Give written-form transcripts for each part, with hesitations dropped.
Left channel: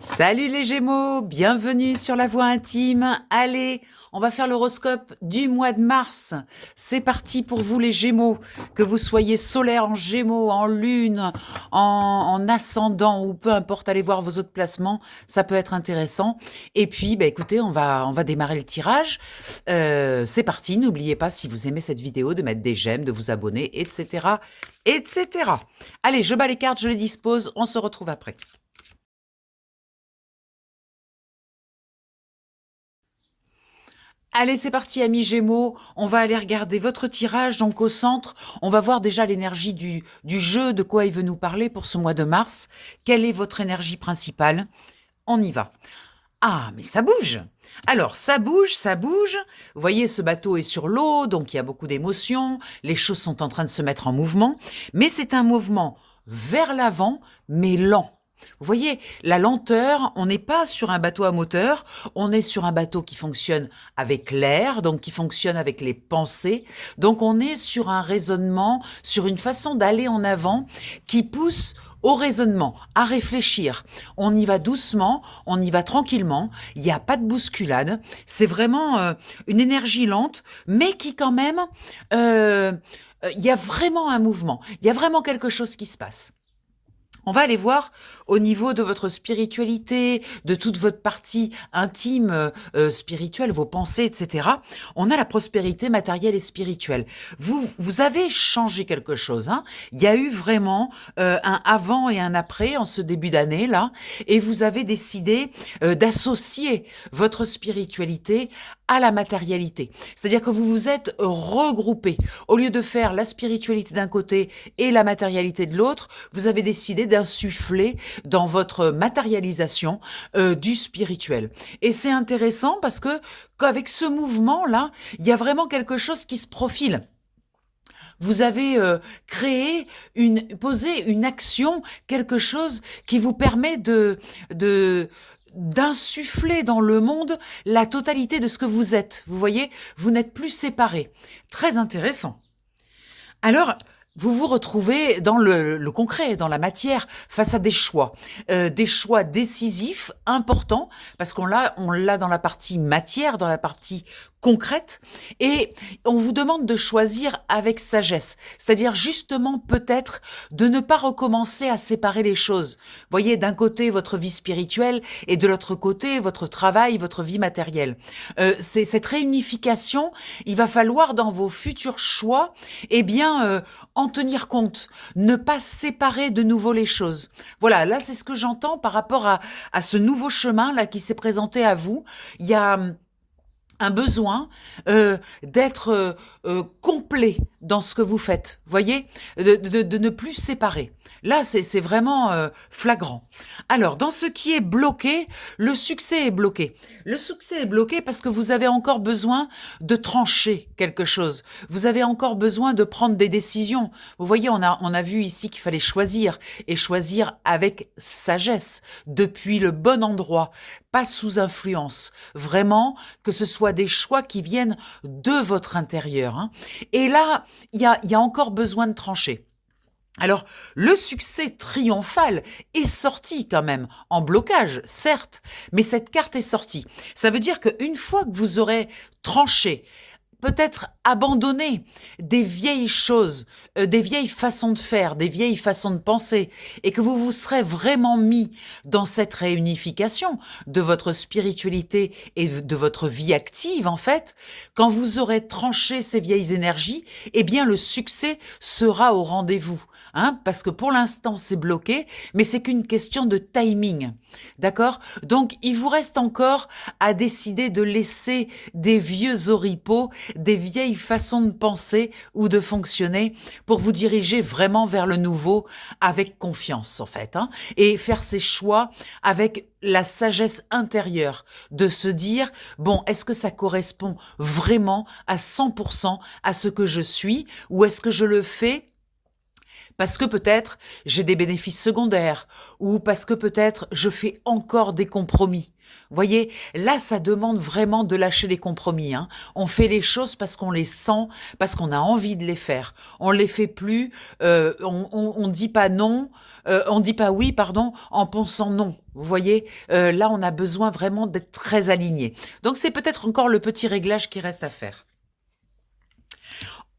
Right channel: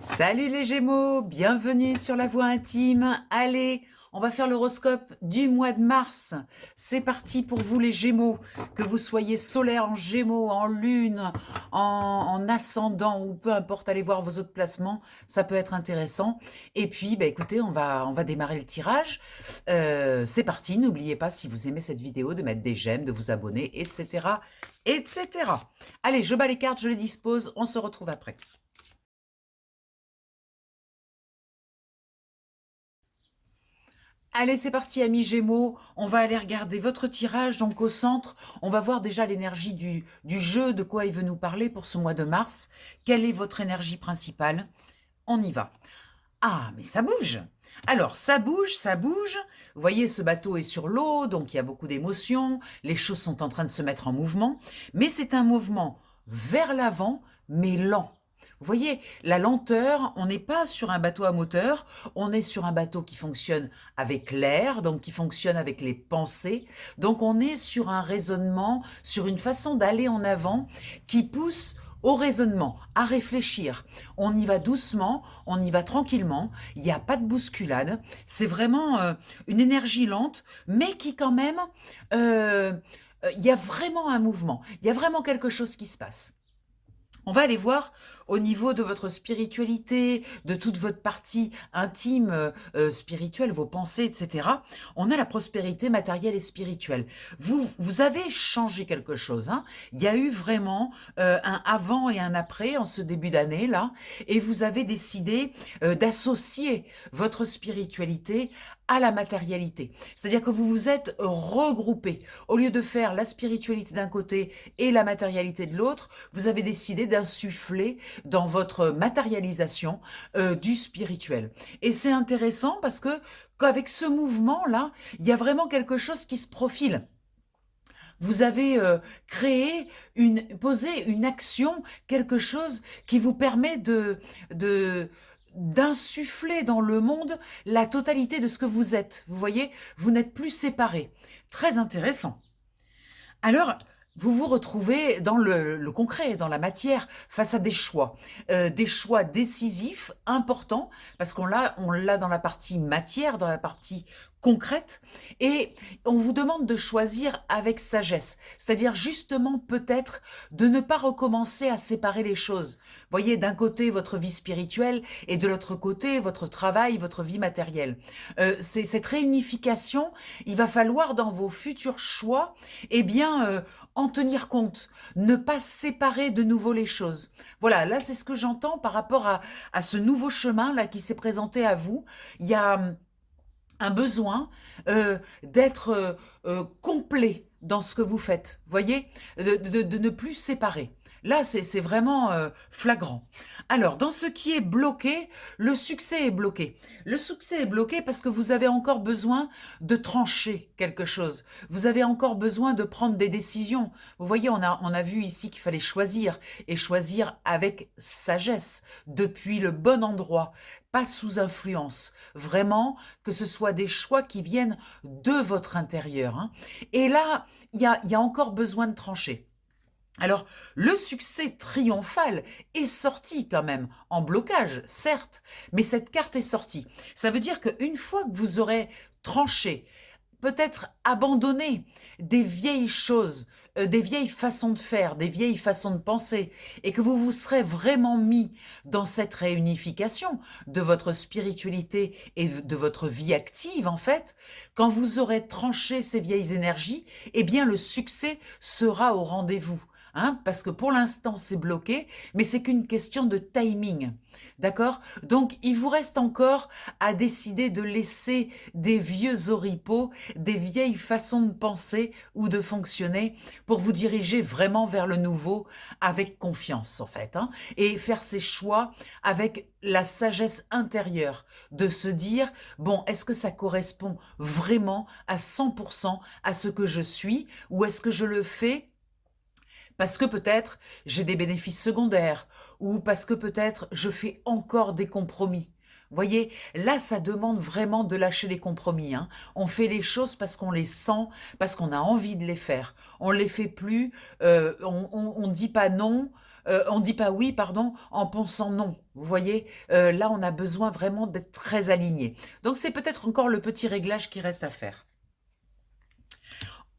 Salut les Gémeaux, bienvenue sur la Voix intime. Allez, on va faire l'horoscope du mois de mars. C'est parti pour vous les Gémeaux, que vous soyez solaire en Gémeaux, en Lune, en ascendant ou peu importe, allez voir vos autres placements, ça peut être intéressant. Et puis, écoutez, on va démarrer le tirage. C'est parti, n'oubliez pas si vous aimez cette vidéo de mettre des j'aime, de vous abonner, etc., etc. Allez, je bats les cartes, je les dispose, on se retrouve après. Allez, c'est parti, amis Gémeaux. On va aller regarder votre tirage. Donc, au centre, on va voir déjà l'énergie du jeu, de quoi il veut nous parler pour ce mois de mars. Quelle est votre énergie principale? On y va. Ah, mais ça bouge! Alors, ça bouge, ça bouge. Vous voyez, ce bateau est sur l'eau, donc il y a beaucoup d'émotions. Les choses sont en train de se mettre en mouvement. Mais c'est un mouvement vers l'avant, mais lent. Vous voyez, la lenteur, on n'est pas sur un bateau à moteur, on est sur un bateau qui fonctionne avec l'air, donc qui fonctionne avec les pensées. Donc on est sur un raisonnement, sur une façon d'aller en avant qui pousse au raisonnement, à réfléchir. On y va doucement, on y va tranquillement, il n'y a pas de bousculade. C'est vraiment une énergie lente, mais qui quand même, il y a vraiment un mouvement, il y a vraiment quelque chose qui se passe. On va aller voir au niveau de votre spiritualité, de toute votre partie intime, spirituelle, vos pensées, etc. On a la prospérité matérielle et spirituelle. Vous avez changé quelque chose, hein. Il y a eu vraiment un avant et un après en ce début d'année là, et vous avez décidé d'associer votre spiritualité à la matérialité. C'est-à-dire que vous vous êtes regroupés. Au lieu de faire la spiritualité d'un côté et la matérialité de l'autre, vous avez décidé d'insuffler dans votre matérialisation du spirituel. Et c'est intéressant parce que qu'avec ce mouvement-là, il y a vraiment quelque chose qui se profile. Vous avez posé une action, quelque chose qui vous permet d'insuffler dans le monde la totalité de ce que vous êtes. Vous voyez, vous n'êtes plus séparés. Très intéressant. Alors, vous vous retrouvez dans le concret, dans la matière, face à des choix décisifs, importants, parce on l'a dans la partie matière, dans la partie concrète, et on vous demande de choisir avec sagesse, c'est-à-dire justement peut-être de ne pas recommencer à séparer les choses. Voyez, d'un côté votre vie spirituelle et de l'autre côté votre travail, votre vie matérielle. C'est cette réunification, il va falloir dans vos futurs choix, eh bien, en tenir compte, ne pas séparer de nouveau les choses. Voilà, là c'est ce que j'entends par rapport à ce nouveau chemin là qui s'est présenté à vous. Il y a un besoin d'être complet dans ce que vous faites, voyez, de ne plus séparer. Là, c'est vraiment flagrant. Alors, dans ce qui est bloqué, le succès est bloqué. Le succès est bloqué parce que vous avez encore besoin de trancher quelque chose. Vous avez encore besoin de prendre des décisions. Vous voyez, on a vu ici qu'il fallait choisir, et choisir avec sagesse, depuis le bon endroit, pas sous influence. Vraiment, que ce soit des choix qui viennent de votre intérieur, hein. Et là, il y a encore besoin de trancher. Alors, le succès triomphal est sorti quand même, en blocage, certes, mais cette carte est sortie. Ça veut dire qu'une fois que vous aurez tranché, peut-être abandonné des vieilles choses, des vieilles façons de faire, des vieilles façons de penser, et que vous vous serez vraiment mis dans cette réunification de votre spiritualité et de votre vie active, en fait, quand vous aurez tranché ces vieilles énergies, eh bien le succès sera au rendez-vous. Hein, parce que pour l'instant c'est bloqué, mais c'est qu'une question de timing, d'accord? Donc il vous reste encore à décider de laisser des vieux oripeaux, des vieilles façons de penser ou de fonctionner pour vous diriger vraiment vers le nouveau avec confiance en fait, hein, et faire ces choix avec la sagesse intérieure de se dire, bon, est-ce que ça correspond vraiment à 100% à ce que je suis, ou est-ce que je le fais parce que peut-être j'ai des bénéfices secondaires, ou parce que peut-être je fais encore des compromis. Voyez, là, ça demande vraiment de lâcher les compromis, hein. On fait les choses parce qu'on les sent, parce qu'on a envie de les faire. On les fait plus, on dit pas non, on dit pas oui, pardon, en pensant non. Vous voyez, là, on a besoin vraiment d'être très aligné. Donc, c'est peut-être encore le petit réglage qui reste à faire.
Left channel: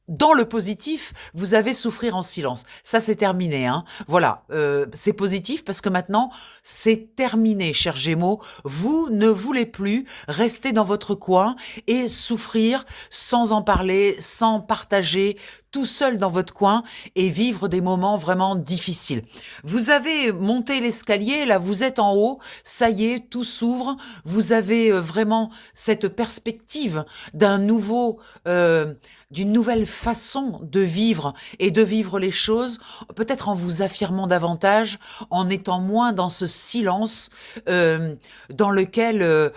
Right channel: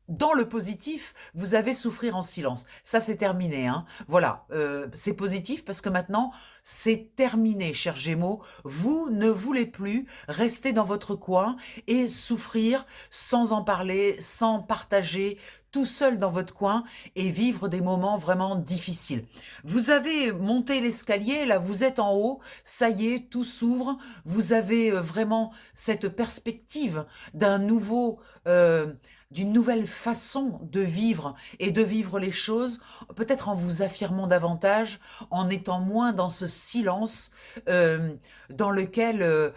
Dans le positif, vous avez souffrir en silence. Ça, c'est terminé, hein. Voilà, c'est positif parce que maintenant, c'est terminé, chers Gémeaux. Vous ne voulez plus rester dans votre coin et souffrir sans en parler, sans partager, tout seul dans votre coin et vivre des moments vraiment difficiles. Vous avez monté l'escalier, là, vous êtes en haut, ça y est, tout s'ouvre. Vous avez vraiment cette perspective d'un nouveau, d'une nouvelle façon de vivre et de vivre les choses, peut-être en vous affirmant davantage, en étant moins dans ce silence dans lequel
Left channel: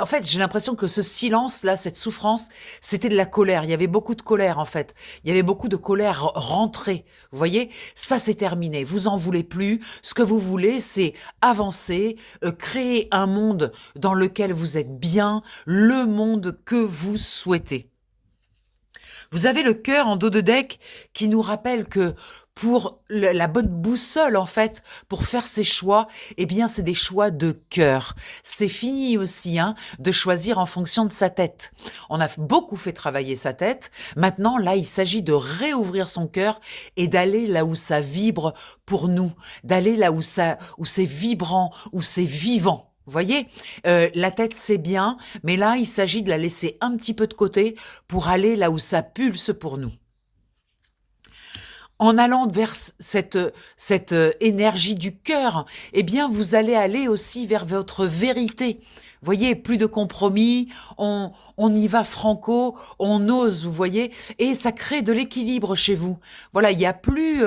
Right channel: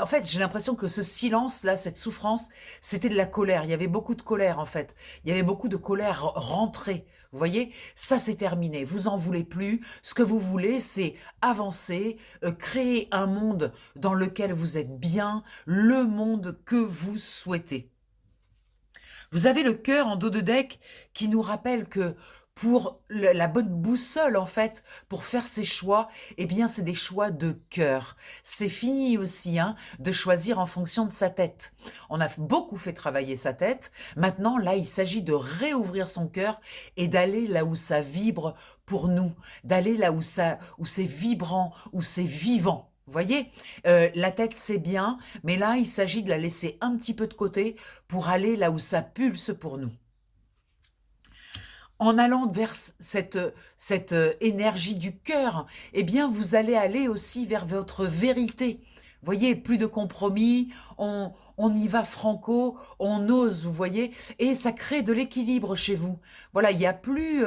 en fait, j'ai l'impression que ce silence-là, cette souffrance, c'était de la colère. Il y avait beaucoup de colère, en fait. Il y avait beaucoup de colère rentrée. Vous voyez, ça, c'est terminé. Vous en voulez plus. Ce que vous voulez, c'est avancer, créer un monde dans lequel vous êtes bien, le monde que vous souhaitez. Vous avez le cœur en dos de deck qui nous rappelle que pour la bonne boussole, en fait, pour faire ses choix, eh bien, c'est des choix de cœur. C'est fini aussi, hein, de choisir en fonction de sa tête. On a beaucoup fait travailler sa tête. Maintenant, là, il s'agit de réouvrir son cœur et d'aller là où ça vibre pour nous, d'aller là où c'est vibrant, où c'est vivant. Vous voyez, la tête, c'est bien, mais là, il s'agit de la laisser un petit peu de côté pour aller là où ça pulse pour nous. En allant vers cette énergie du cœur, eh bien, vous allez aller aussi vers votre vérité. Vous voyez, plus de compromis, on y va franco, on ose, vous voyez, et ça crée de l'équilibre chez vous. Voilà, il n'y a plus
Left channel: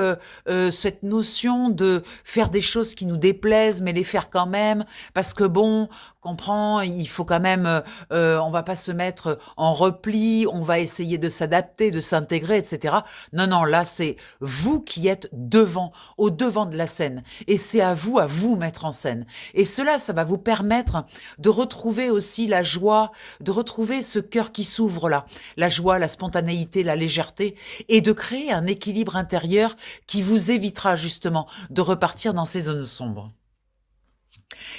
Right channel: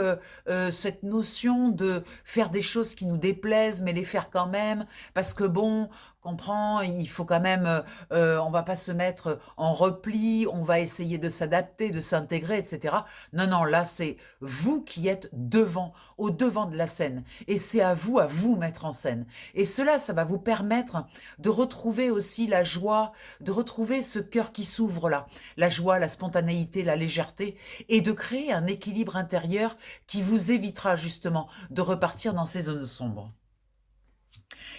cette notion de faire des choses qui nous déplaisent, mais les faire quand même, parce que bon, comprend, il faut quand même, on va pas se mettre en repli, on va essayer de s'adapter, de s'intégrer, etc. Non, non, là, c'est vous qui êtes devant, au devant de la scène. Et c'est à vous mettre en scène. Et cela, ça va vous permettre de retrouver aussi la joie, de retrouver ce cœur qui s'ouvre là, la joie, la spontanéité, la légèreté, et de créer un équilibre intérieur qui vous évitera justement de repartir dans ces zones sombres.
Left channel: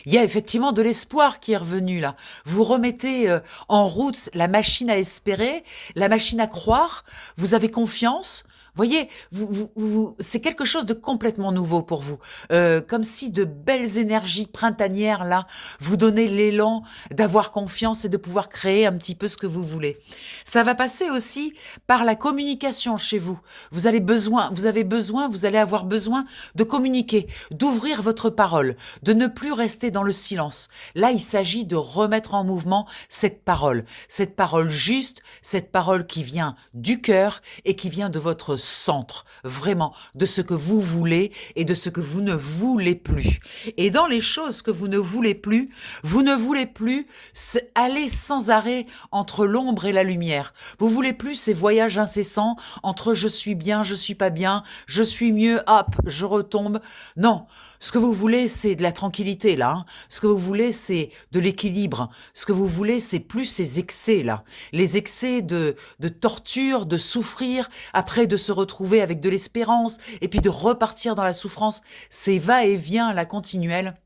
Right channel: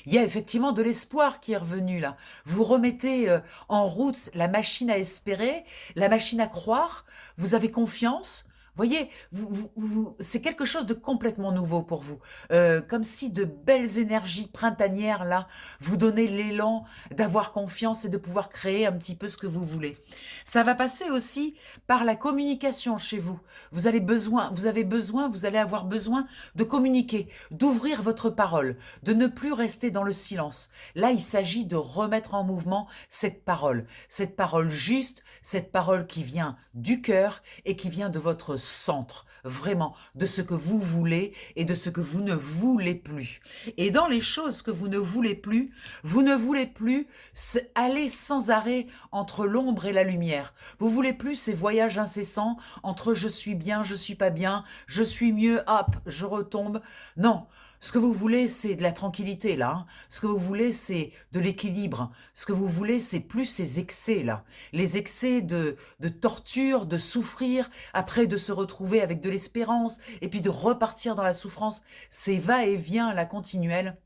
Il y a effectivement de l'espoir qui est revenu là. Vous remettez en route la machine à espérer, la machine à croire, vous avez confiance. Voyez, c'est quelque chose de complètement nouveau pour vous. Comme si de belles énergies printanières, là, vous donnaient l'élan d'avoir confiance et de pouvoir créer un petit peu ce que vous voulez. Ça va passer aussi par la communication chez vous. Vous allez avoir besoin de communiquer, d'ouvrir votre parole, de ne plus rester dans le silence. Là, il s'agit de remettre en mouvement cette parole juste, cette parole qui vient du cœur et qui vient de votre centre, vraiment, de ce que vous voulez et de ce que vous ne voulez plus. Et dans les choses que vous ne voulez plus, aller sans arrêt entre l'ombre et la lumière. Vous voulez plus ces voyages incessants entre je suis bien, je suis pas bien, je suis mieux, hop, je retombe. Non, ce que vous voulez, c'est de la tranquillité, là, hein. Ce que vous voulez, c'est de l'équilibre. Ce que vous voulez, c'est plus ces excès, là. Les excès de torture, de souffrir, après de se retrouver avec de l'espérance, et puis de repartir dans la souffrance. Ces va-et-vient, la continuelle.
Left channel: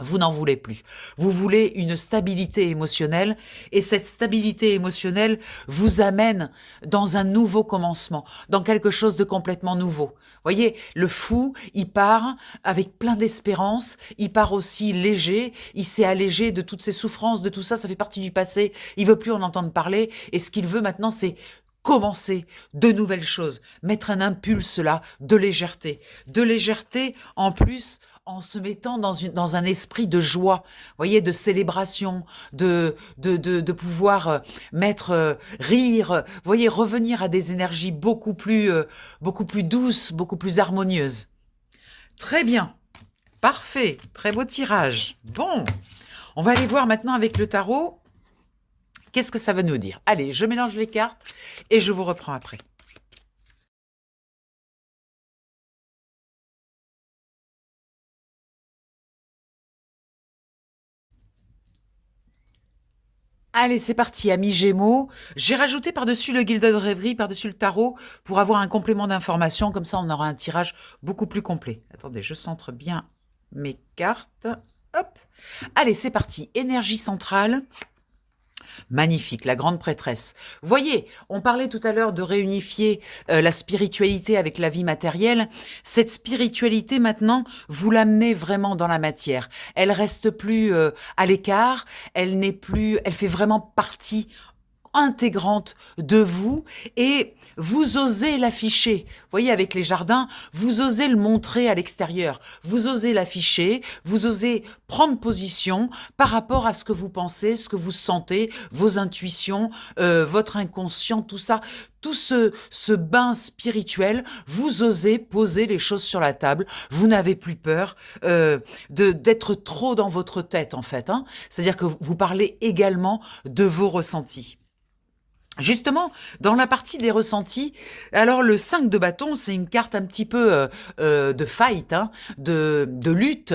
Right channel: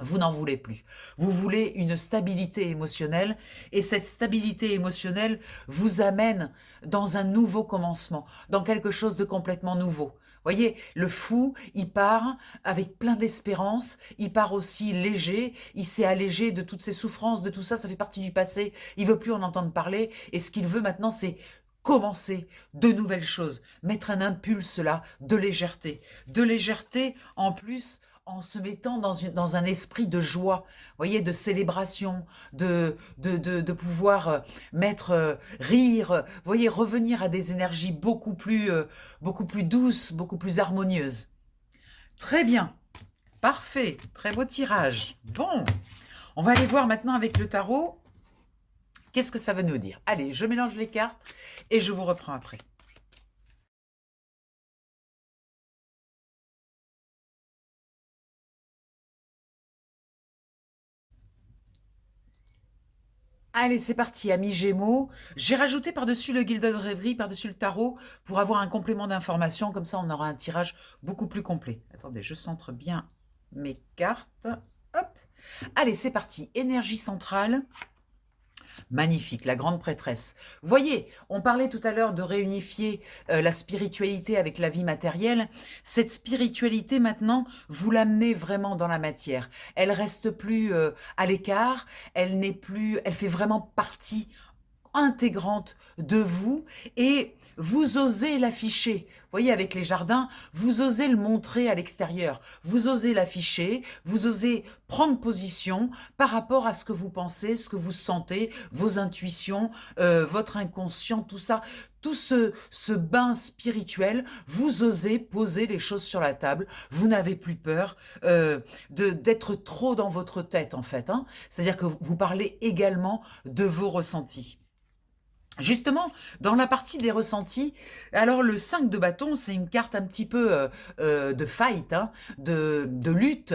Vous n'en voulez plus. Vous voulez une stabilité émotionnelle et cette stabilité émotionnelle vous amène dans un nouveau commencement, dans quelque chose de complètement nouveau. Voyez, le fou, il part avec plein d'espérance, il part aussi léger, il s'est allégé de toutes ses souffrances, de tout ça, ça fait partie du passé, il veut plus en entendre parler et ce qu'il veut maintenant c'est commencer de nouvelles choses, mettre un impulse là de légèreté en plus en se mettant dans un esprit de joie, voyez, de célébration, de pouvoir mettre, rire, voyez, revenir à des énergies beaucoup plus douces, beaucoup plus harmonieuses. Très bien, parfait, très beau tirage. Bon, on va aller voir maintenant avec le tarot. Qu'est-ce que ça veut nous dire? Allez, je mélange les cartes et je vous reprends après. Allez, c'est parti, amis Gémeaux. J'ai rajouté par-dessus le Gilded Rêverie, par-dessus le tarot, pour avoir un complément d'information. Comme ça, on aura un tirage beaucoup plus complet. Attendez, je centre bien mes cartes. Hop. Allez, c'est parti. Énergie centrale. Magnifique, la grande prêtresse. Vous voyez, on parlait tout à l'heure de réunifier la spiritualité avec la vie matérielle. Cette spiritualité, maintenant, vous l'amenez vraiment dans la matière. Elle reste plus à l'écart, elle n'est plus, elle fait vraiment partie intégrante de vous et vous osez l'afficher. Vous voyez, avec les jardins, vous osez le montrer à l'extérieur, vous osez l'afficher, vous osez prendre position par rapport à ce que vous pensez, ce que vous sentez, vos intuitions, votre inconscient, tout ça. Tout ce bain spirituel, vous osez poser les choses sur la table, vous n'avez plus peur d'être trop dans votre tête en fait. Hein. C'est-à-dire que vous parlez également de vos ressentis. Justement, dans la partie des ressentis, alors le 5 de bâton, c'est une carte un petit peu de fight, hein, de lutte.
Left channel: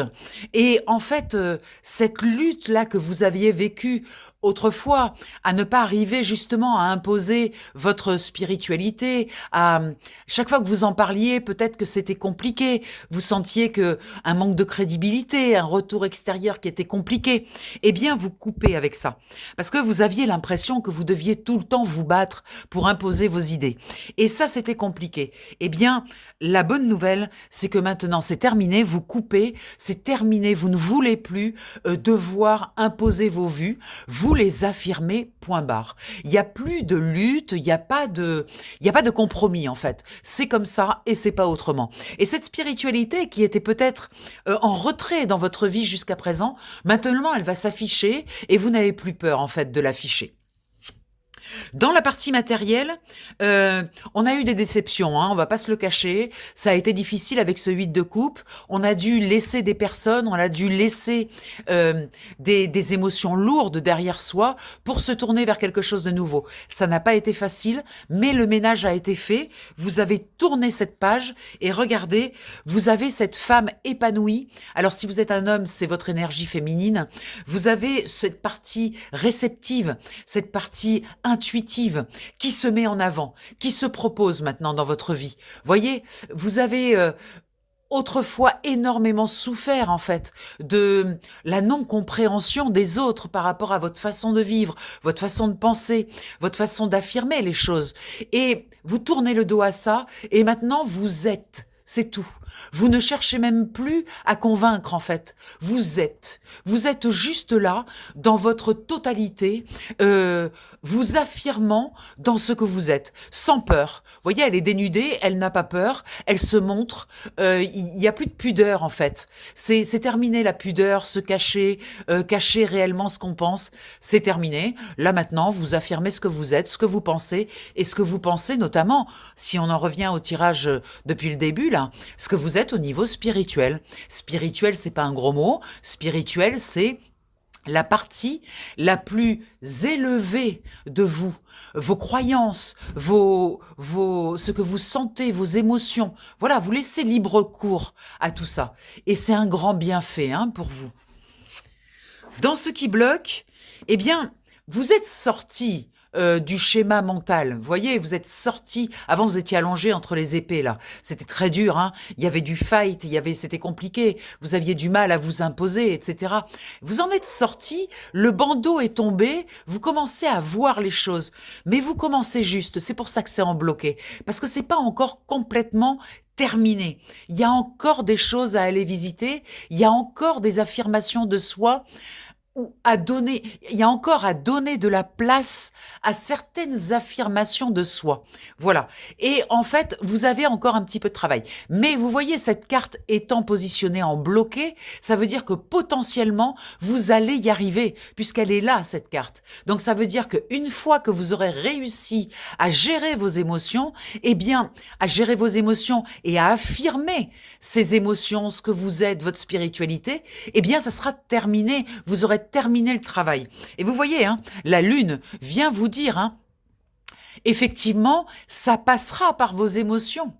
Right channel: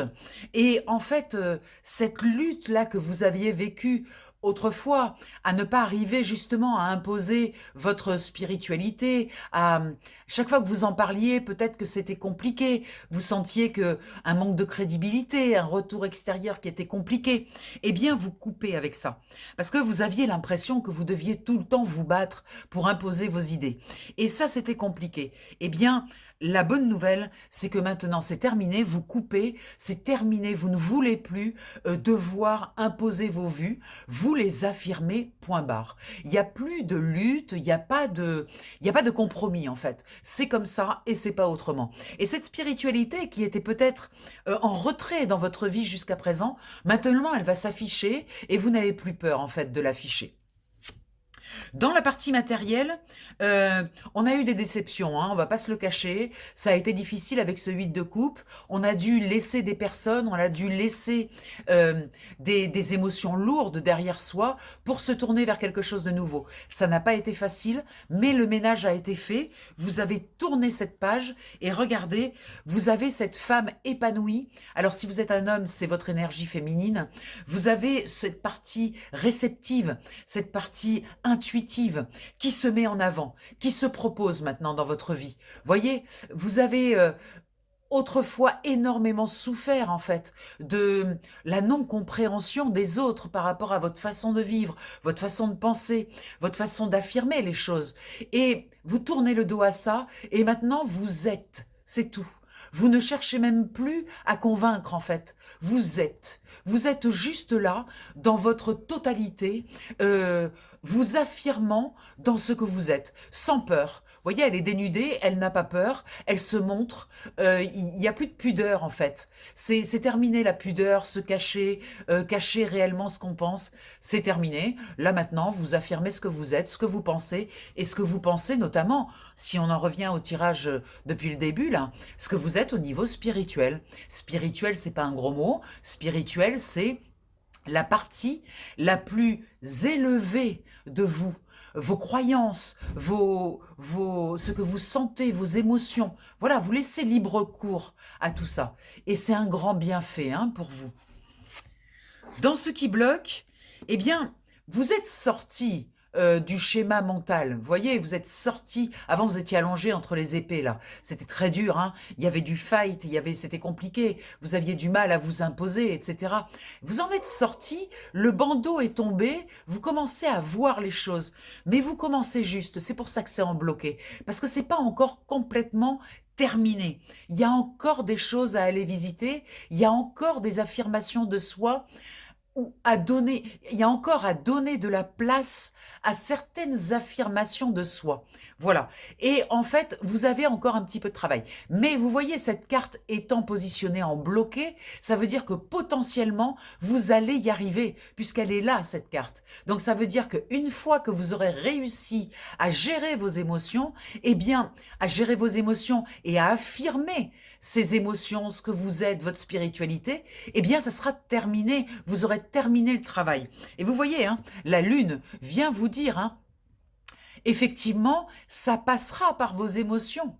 Et en fait, cette lutte-là que vous aviez vécue autrefois, à ne pas arriver justement à imposer votre spiritualité, à chaque fois que vous en parliez, peut-être que c'était compliqué, vous sentiez que un manque de crédibilité, un retour extérieur qui était compliqué, eh bien vous coupez avec ça. Parce que vous aviez l'impression que vous deviez tout le temps vous battre pour imposer vos idées. Et ça, c'était compliqué. Eh bien, la bonne nouvelle, c'est que maintenant, c'est terminé, vous coupez, c'est terminé, vous ne voulez plus devoir imposer vos vues, vous les affirmez, point barre. Il n'y a plus de lutte, il n'y a pas de compromis, en fait. C'est comme ça et c'est pas autrement. Et cette spiritualité qui était peut-être en retrait dans votre vie jusqu'à présent, maintenant, elle va s'afficher et vous n'avez plus peur, en fait, de l'afficher. Dans la partie matérielle, on a eu des déceptions, hein, on va pas se le cacher. Ça a été difficile avec ce 8 de coupe. On a dû laisser des personnes, on a dû laisser des émotions lourdes derrière soi pour se tourner vers quelque chose de nouveau. Ça n'a pas été facile, mais le ménage a été fait. Vous avez tourné cette page et regardez, vous avez cette femme épanouie. Alors si vous êtes un homme, c'est votre énergie féminine. Vous avez cette partie réceptive, cette partie intuitive qui se met en avant, qui se propose maintenant dans votre vie. Voyez, vous avez autrefois énormément souffert en fait de la non-compréhension des autres par rapport à votre façon de vivre, votre façon de penser, votre façon d'affirmer les choses. Et vous tournez le dos à ça et maintenant vous êtes. C'est tout. Vous ne cherchez même plus à convaincre en fait. Vous êtes. Vous êtes juste là, dans votre totalité, vous affirmant dans ce que vous êtes, sans peur. Vous voyez, elle est dénudée, elle n'a pas peur, elle se montre. Il n'y a plus de pudeur en fait. C'est terminé la pudeur, se cacher, cacher réellement ce qu'on pense. C'est terminé. Là maintenant, vous affirmez ce que vous êtes, ce que vous pensez et ce que vous pensez notamment, si on en revient au tirage depuis le début là, ce que vous êtes au niveau spirituel. Spirituel, c'est pas un gros mot. Spirituel, c'est la partie la plus élevée de vous, vos croyances, ce que vous sentez, vos émotions. Voilà, vous laissez libre cours à tout ça. Et c'est un grand bienfait hein, pour vous. Dans ce qui bloque, eh bien, vous êtes sorti du schéma mental. Vous voyez, vous êtes sorti. Avant, vous étiez allongé entre les épées, là. C'était très dur, hein. Il y avait du fight, c'était compliqué. Vous aviez du mal à vous imposer, etc. Vous en êtes sorti, le bandeau est tombé, vous commencez à voir les choses. Mais vous commencez juste, c'est pour ça que c'est en bloqué. Parce que c'est pas encore complètement terminé. Il y a encore des choses à aller visiter, il y a encore des affirmations de soi ou à donner, il y a encore à donner de la place à certaines affirmations de soi. Voilà. Et en fait, vous avez encore un petit peu de travail. Mais vous voyez, cette carte étant positionnée en bloqué, ça veut dire que potentiellement, vous allez y arriver, puisqu'elle est là, cette carte. Donc ça veut dire qu'une fois que vous aurez réussi à gérer vos émotions, eh bien, à gérer vos émotions et à affirmer ces émotions, ce que vous êtes, votre spiritualité, eh bien, ça sera terminé. Vous aurez terminé le travail. Et vous voyez, hein, la Lune vient vous dire, hein, effectivement, ça passera par vos émotions.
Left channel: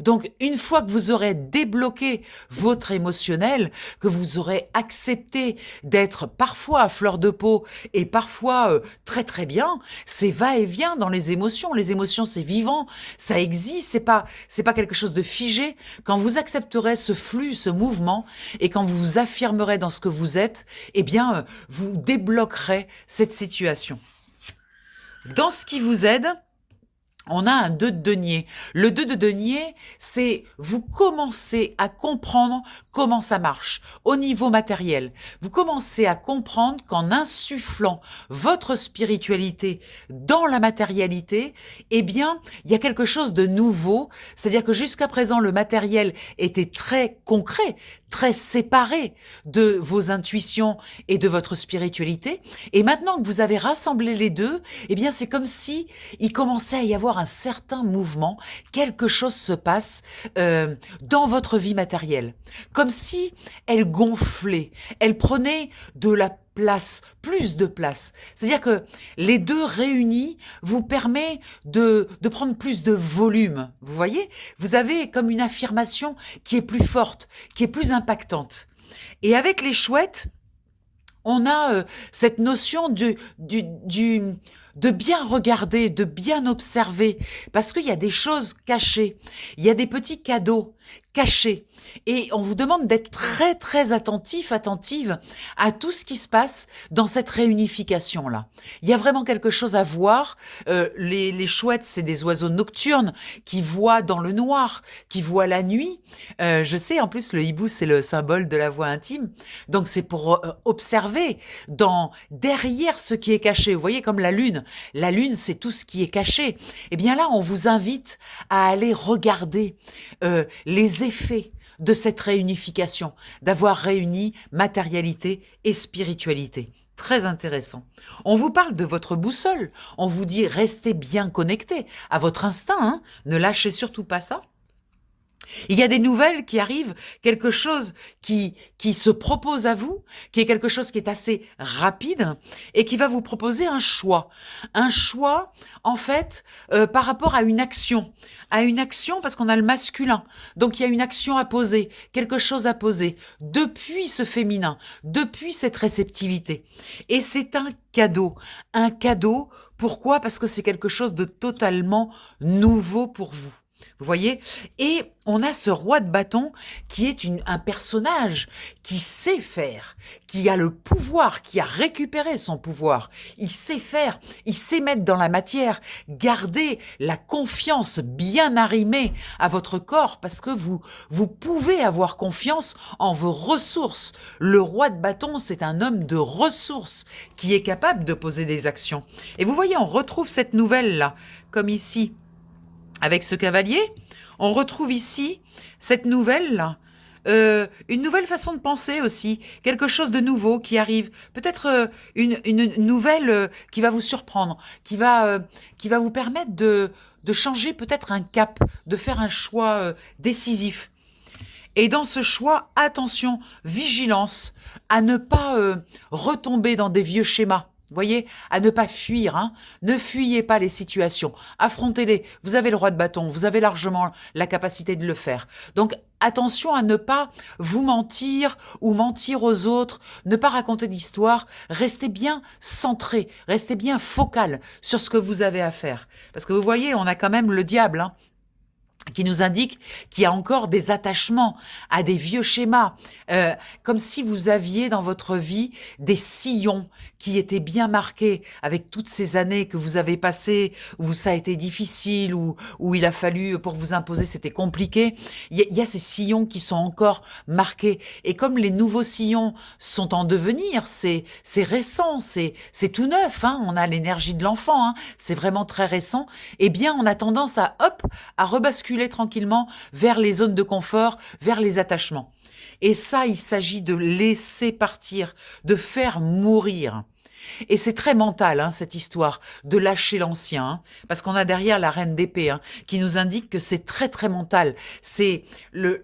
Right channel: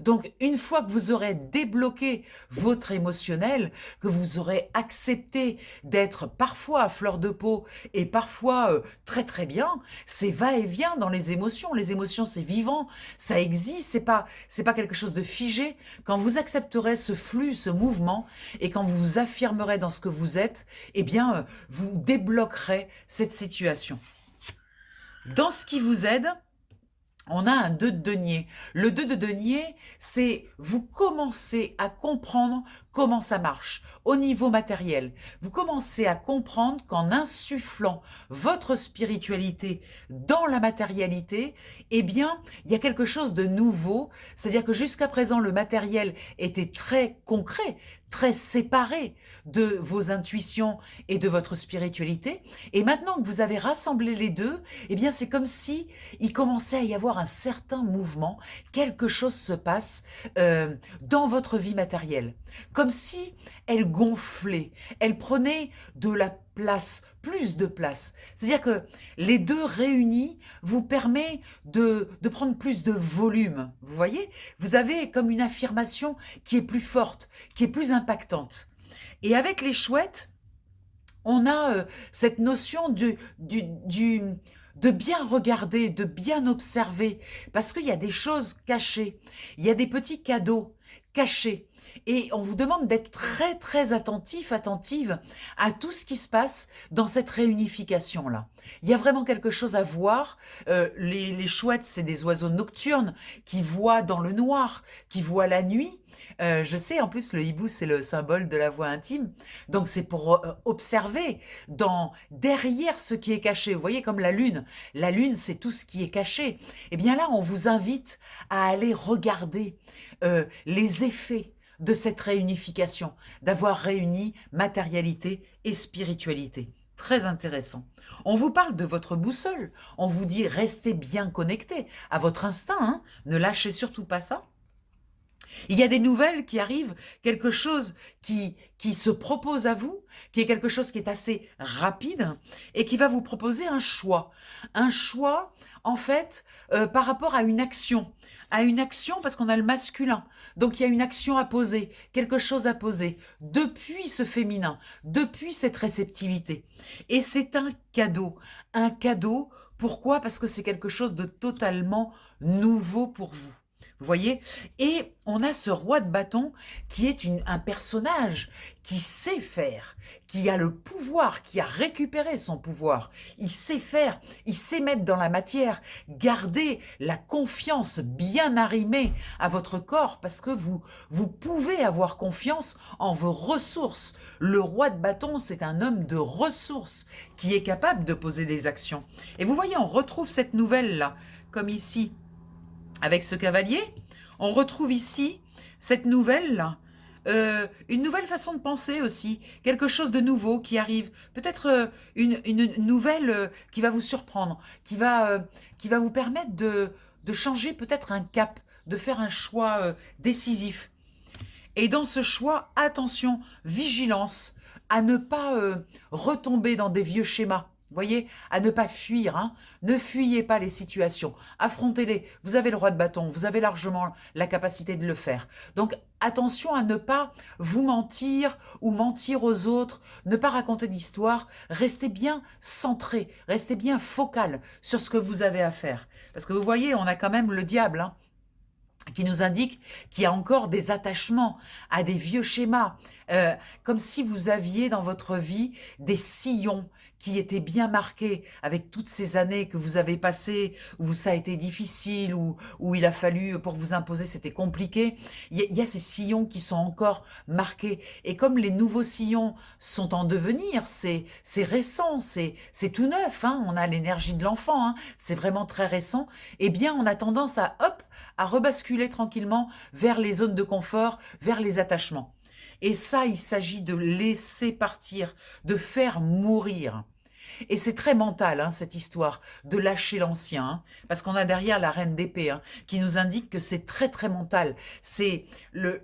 Donc, une fois que vous aurez débloqué votre émotionnel, que vous aurez accepté d'être parfois à fleur de peau et parfois très très bien, c'est va-et-vient dans les émotions. Les émotions, c'est vivant, ça existe, c'est pas quelque chose de figé. Quand vous accepterez ce flux, ce mouvement, et quand vous vous affirmerez dans ce que vous êtes, eh bien, vous débloquerez cette situation. Dans ce qui vous aide, on a un 2 de denier. Le 2 de denier, c'est vous commencez à comprendre comment ça marche au niveau matériel. Vous commencez à comprendre qu'en insufflant votre spiritualité dans la matérialité, eh bien, il y a quelque chose de nouveau. C'est-à-dire que jusqu'à présent, le matériel était très concret, très séparé de vos intuitions et de votre spiritualité. Et maintenant que vous avez rassemblé les deux, eh bien, c'est comme si il commençait à y avoir un certain mouvement, quelque chose se passe dans votre vie matérielle. Comme si elle gonflait, elle prenait de la place, plus de place. C'est-à-dire que les deux réunis vous permet de prendre plus de volume. Vous voyez? Vous avez comme une affirmation qui est plus forte, qui est plus impactante. Et avec les chouettes, on a cette notion de bien regarder, de bien observer, parce qu'il y a des choses cachées, il y a des petits cadeaux cachés, et on vous demande d'être très très attentif, attentive à tout ce qui se passe dans cette réunification-là. Il y a vraiment quelque chose à voir. Les chouettes, c'est des oiseaux nocturnes qui voient dans le noir, qui voient la nuit. Je sais, en plus, le hibou, c'est le symbole de la voix intime, donc c'est pour observer derrière ce qui est caché. Vous voyez, comme la lune, c'est tout ce qui est caché. Eh bien là, on vous invite à aller regarder les effets de cette réunification, d'avoir réuni matérialité et spiritualité. Très intéressant. On vous parle de votre boussole, on vous dit restez bien connecté à votre instinct, hein, ne lâchez surtout pas ça. Il y a des nouvelles qui arrivent, quelque chose qui se propose à vous, qui est quelque chose qui est assez rapide et qui va vous proposer un choix. Un choix, en fait, par rapport à une action. À une action parce qu'on a le masculin. Donc il y a une action à poser, quelque chose à poser, depuis ce féminin, depuis cette réceptivité. Et c'est un cadeau. Un cadeau, pourquoi? Parce que c'est quelque chose de totalement nouveau pour vous. Vous voyez? Et on a ce roi de bâton qui est un personnage qui sait faire, qui a le pouvoir, qui a récupéré son pouvoir. Il sait faire, il sait mettre dans la matière, garder la confiance bien arrimée à votre corps parce que vous pouvez avoir confiance en vos ressources. Le roi de bâton, c'est un homme de ressources qui est capable de poser des actions. Et vous voyez, on retrouve cette nouvelle-là, comme ici. Avec ce cavalier, on retrouve ici cette nouvelle-là, une nouvelle façon de penser aussi, quelque chose de nouveau qui arrive, peut-être une nouvelle qui va vous surprendre, qui va vous permettre de changer peut-être un cap, de faire un choix décisif. Et dans ce choix, attention, vigilance à ne pas retomber dans des vieux schémas. Vous voyez, à ne pas fuir, hein. Ne fuyez pas les situations, affrontez-les. Vous avez le roi de bâton, vous avez largement la capacité de le faire. Donc attention à ne pas vous mentir ou mentir aux autres, ne pas raconter d'histoire. Restez bien centré, restez bien focal sur ce que vous avez à faire. Parce que vous voyez, on a quand même le diable, hein, qui nous indique qu'il y a encore des attachements à des vieux schémas, comme si vous aviez dans votre vie des sillons qui étaient bien marqués avec toutes ces années que vous avez passées, où ça a été difficile, où il a fallu, pour vous imposer, c'était compliqué. Il y a ces sillons qui sont encore marqués. Et comme les nouveaux sillons sont en devenir, c'est récent, c'est tout neuf, hein, on a l'énergie de l'enfant, hein, c'est vraiment très récent, eh bien on a tendance à rebasculer tranquillement vers les zones de confort, vers les attachements. Et ça, il s'agit de laisser partir, de faire mourir. Et c'est très mental, hein, cette histoire, de lâcher l'ancien, hein, parce qu'on a derrière la reine d'épée, hein, qui nous indique que c'est très très mental.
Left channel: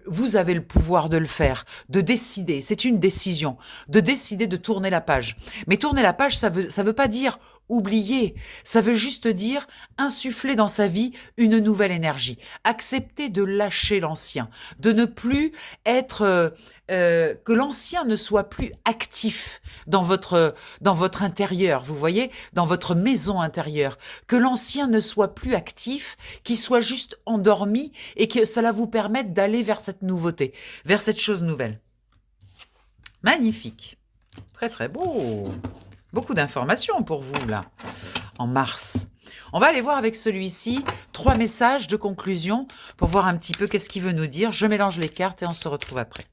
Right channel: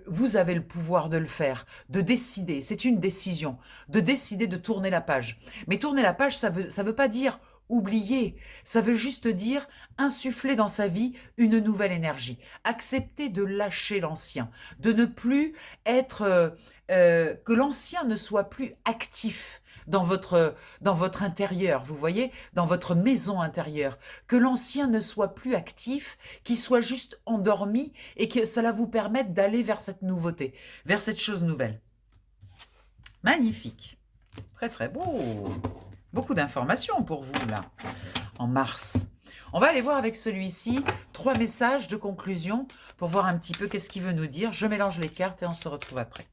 Vous avez le pouvoir de le faire, de décider, c'est une décision, de décider de tourner la page. Mais tourner la page, ça veut pas dire oublier. Ça veut juste dire insuffler dans sa vie une nouvelle énergie. Accepter de lâcher l'ancien, de ne plus être... que l'ancien ne soit plus actif dans votre intérieur, vous voyez, dans votre maison intérieure. Que l'ancien ne soit plus actif, qu'il soit juste endormi et que cela vous permette d'aller vers cette nouveauté, vers cette chose nouvelle. Magnifique. Très très beau. Beaucoup d'informations pour vous là, en mars. On va aller voir avec celui-ci 3 messages de conclusion pour voir un petit peu qu'est-ce qu'il veut nous dire. Je mélange les cartes et on se retrouve après.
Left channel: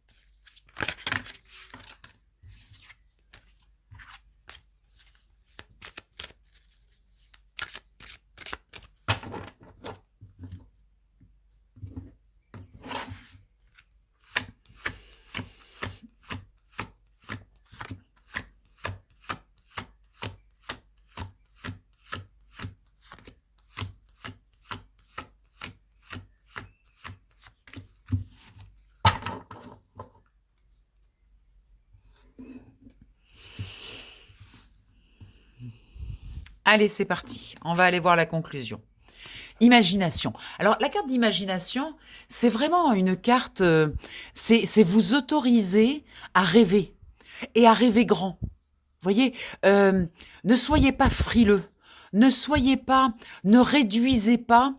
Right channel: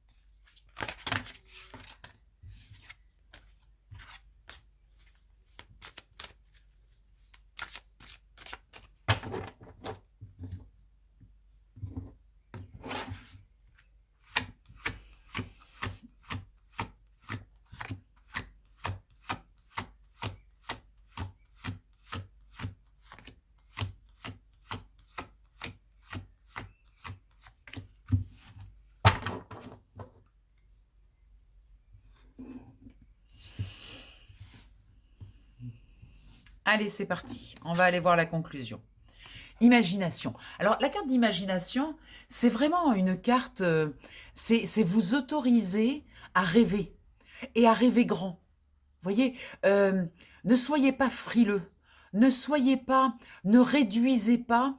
Allez, c'est parti. On va aller voir la conclusion. Imagination. Alors, la carte d'imagination, c'est vraiment une carte, c'est vous autoriser à rêver et à rêver grand. Vous voyez, ne soyez pas frileux. Ne réduisez pas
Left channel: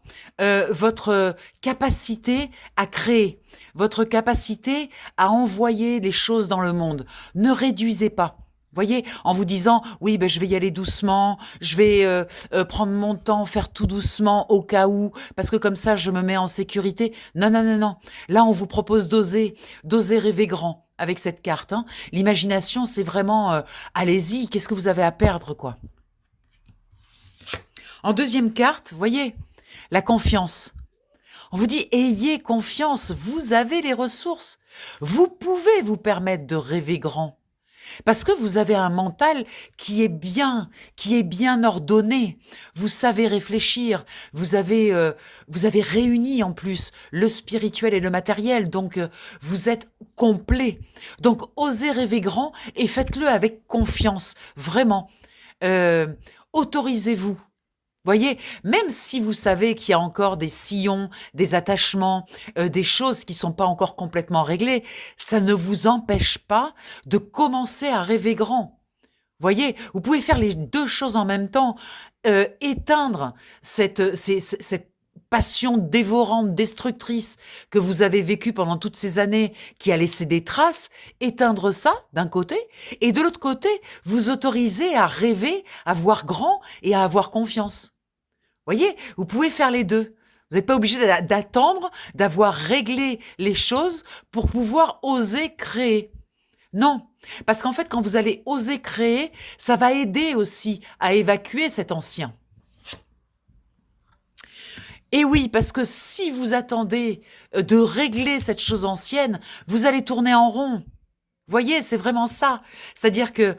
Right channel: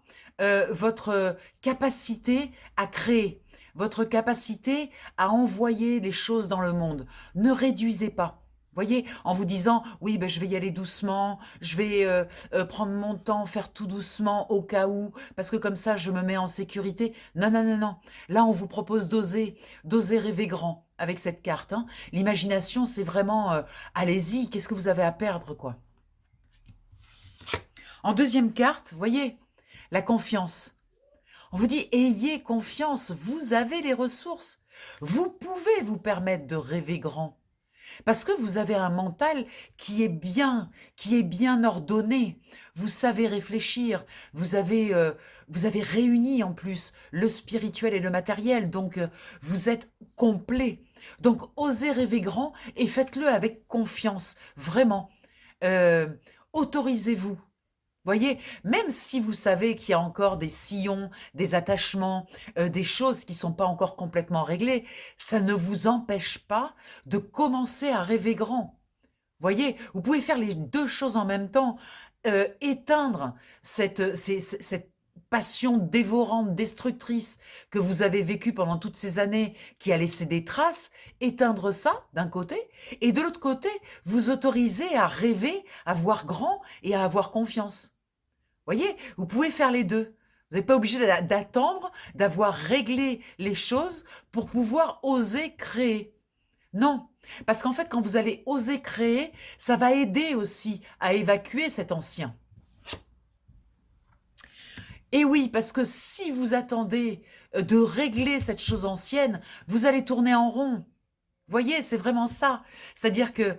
votre capacité à créer, votre capacité à envoyer des choses dans le monde. Ne réduisez pas. Voyez, en vous disant, oui, ben, je vais y aller doucement, je vais prendre mon temps, faire tout doucement au cas où, parce que comme ça, je me mets en sécurité. Non, non, non, non. Là, on vous propose d'oser rêver grand avec cette carte. Hein. L'imagination, c'est vraiment, allez-y, qu'est-ce que vous avez à perdre, quoi. En deuxième carte, voyez, la confiance. On vous dit, ayez confiance, vous avez les ressources. Vous pouvez vous permettre de rêver grand. Parce que vous avez un mental qui est bien ordonné. Vous savez réfléchir. Vous avez réuni en plus le spirituel et le matériel. Donc, vous êtes complet. Donc, osez rêver grand et faites-le avec confiance. Vraiment. Autorisez-vous. Voyez, même si vous savez qu'il y a encore des sillons, des attachements, des choses qui ne sont pas encore complètement réglées, ça ne vous empêche pas de commencer à rêver grand. Voyez, vous pouvez faire les 2 choses en même temps, éteindre cette passion dévorante, destructrice que vous avez vécue pendant toutes ces années, qui a laissé des traces, éteindre ça d'un côté, et de l'autre côté, vous autoriser à rêver, à voir grand et à avoir confiance. Voyez, vous pouvez faire les 2. Vous n'êtes pas obligé d'attendre, d'avoir réglé les choses pour pouvoir oser créer. Non, parce qu'en fait, quand vous allez oser créer, ça va aider aussi à évacuer cet ancien. Et oui, parce que si vous attendez de régler cette chose ancienne, vous allez tourner en rond. Voyez, c'est vraiment ça. C'est-à-dire que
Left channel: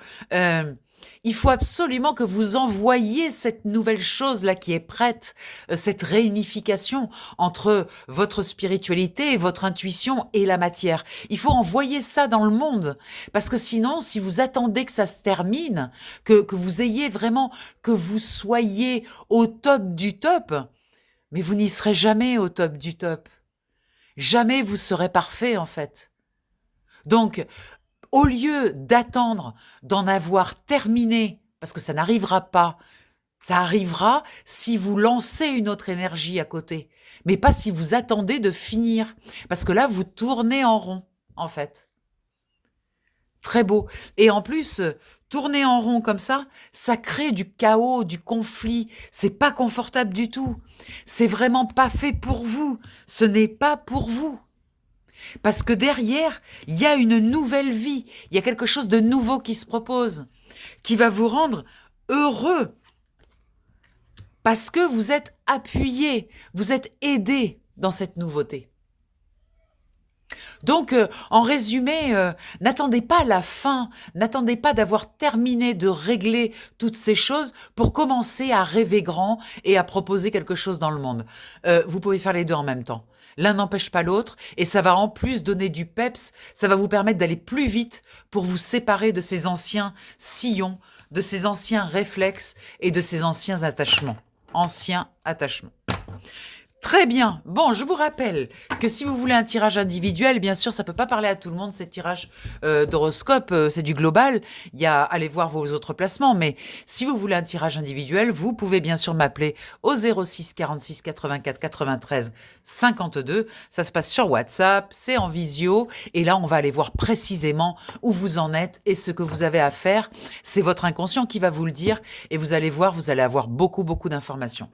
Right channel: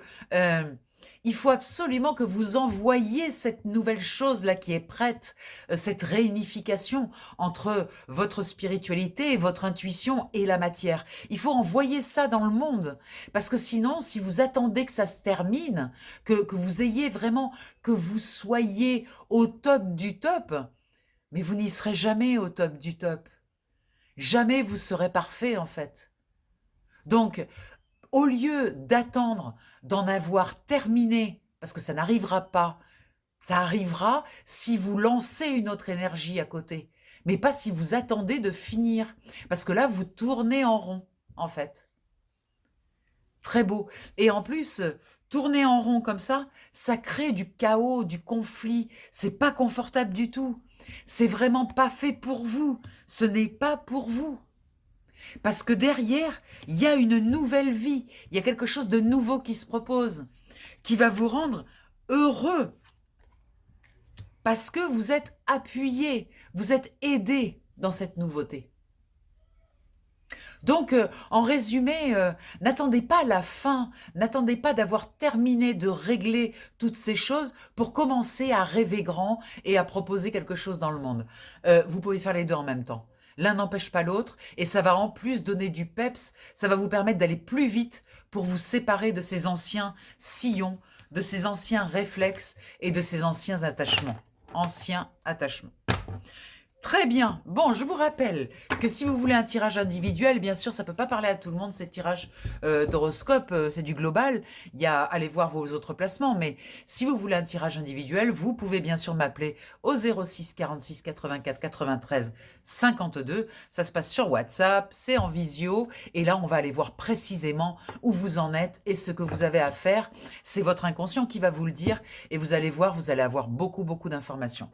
il faut absolument que vous envoyiez cette nouvelle chose-là qui est prête, cette réunification entre votre spiritualité, votre intuition et la matière. Il faut envoyer ça dans le monde. Parce que sinon, si vous attendez que ça se termine, que vous ayez vraiment, que vous soyez au top du top, mais vous n'y serez jamais au top du top. Jamais vous serez parfait, en fait. Donc, au lieu d'attendre d'en avoir terminé, parce que ça n'arrivera pas, ça arrivera si vous lancez une autre énergie à côté, mais pas si vous attendez de finir, parce que là, vous tournez en rond, en fait. Très beau. Et en plus, tourner en rond comme ça crée du chaos, du conflit. C'est pas confortable du tout. C'est vraiment pas fait pour vous. Ce n'est pas pour vous. Parce que derrière, il y a une nouvelle vie, il y a quelque chose de nouveau qui se propose, qui va vous rendre heureux. Parce que vous êtes appuyé, vous êtes aidé dans cette nouveauté. Donc, en résumé, n'attendez pas la fin, n'attendez pas d'avoir terminé de régler toutes ces choses pour commencer à rêver grand et à proposer quelque chose dans le monde. Vous pouvez faire les 2 en même temps. L'un n'empêche pas l'autre et ça va en plus donner du peps, ça va vous permettre d'aller plus vite pour vous séparer de ces anciens sillons de ses anciens réflexes et de ses anciens attachements. Anciens attachements. Très bien. Bon, je vous rappelle que si vous voulez un tirage individuel, bien sûr, ça peut pas parler à tout le monde, ces tirages d'horoscope, c'est du global. Il y a, allez voir vos autres placements, mais si vous voulez un tirage individuel, vous pouvez bien sûr m'appeler au 06 46 84 93 52. Ça se passe sur WhatsApp, c'est en visio, et là, on va aller voir précisément où vous en êtes et ce que vous avez à faire. C'est votre inconscient qui va vous le dire, et vous allez voir, vous allez avoir beaucoup, beaucoup d'informations.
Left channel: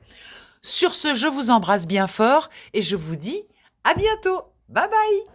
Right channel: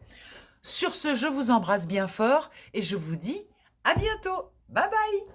Sur ce, je vous embrasse bien fort et je vous dis à bientôt. Bye bye!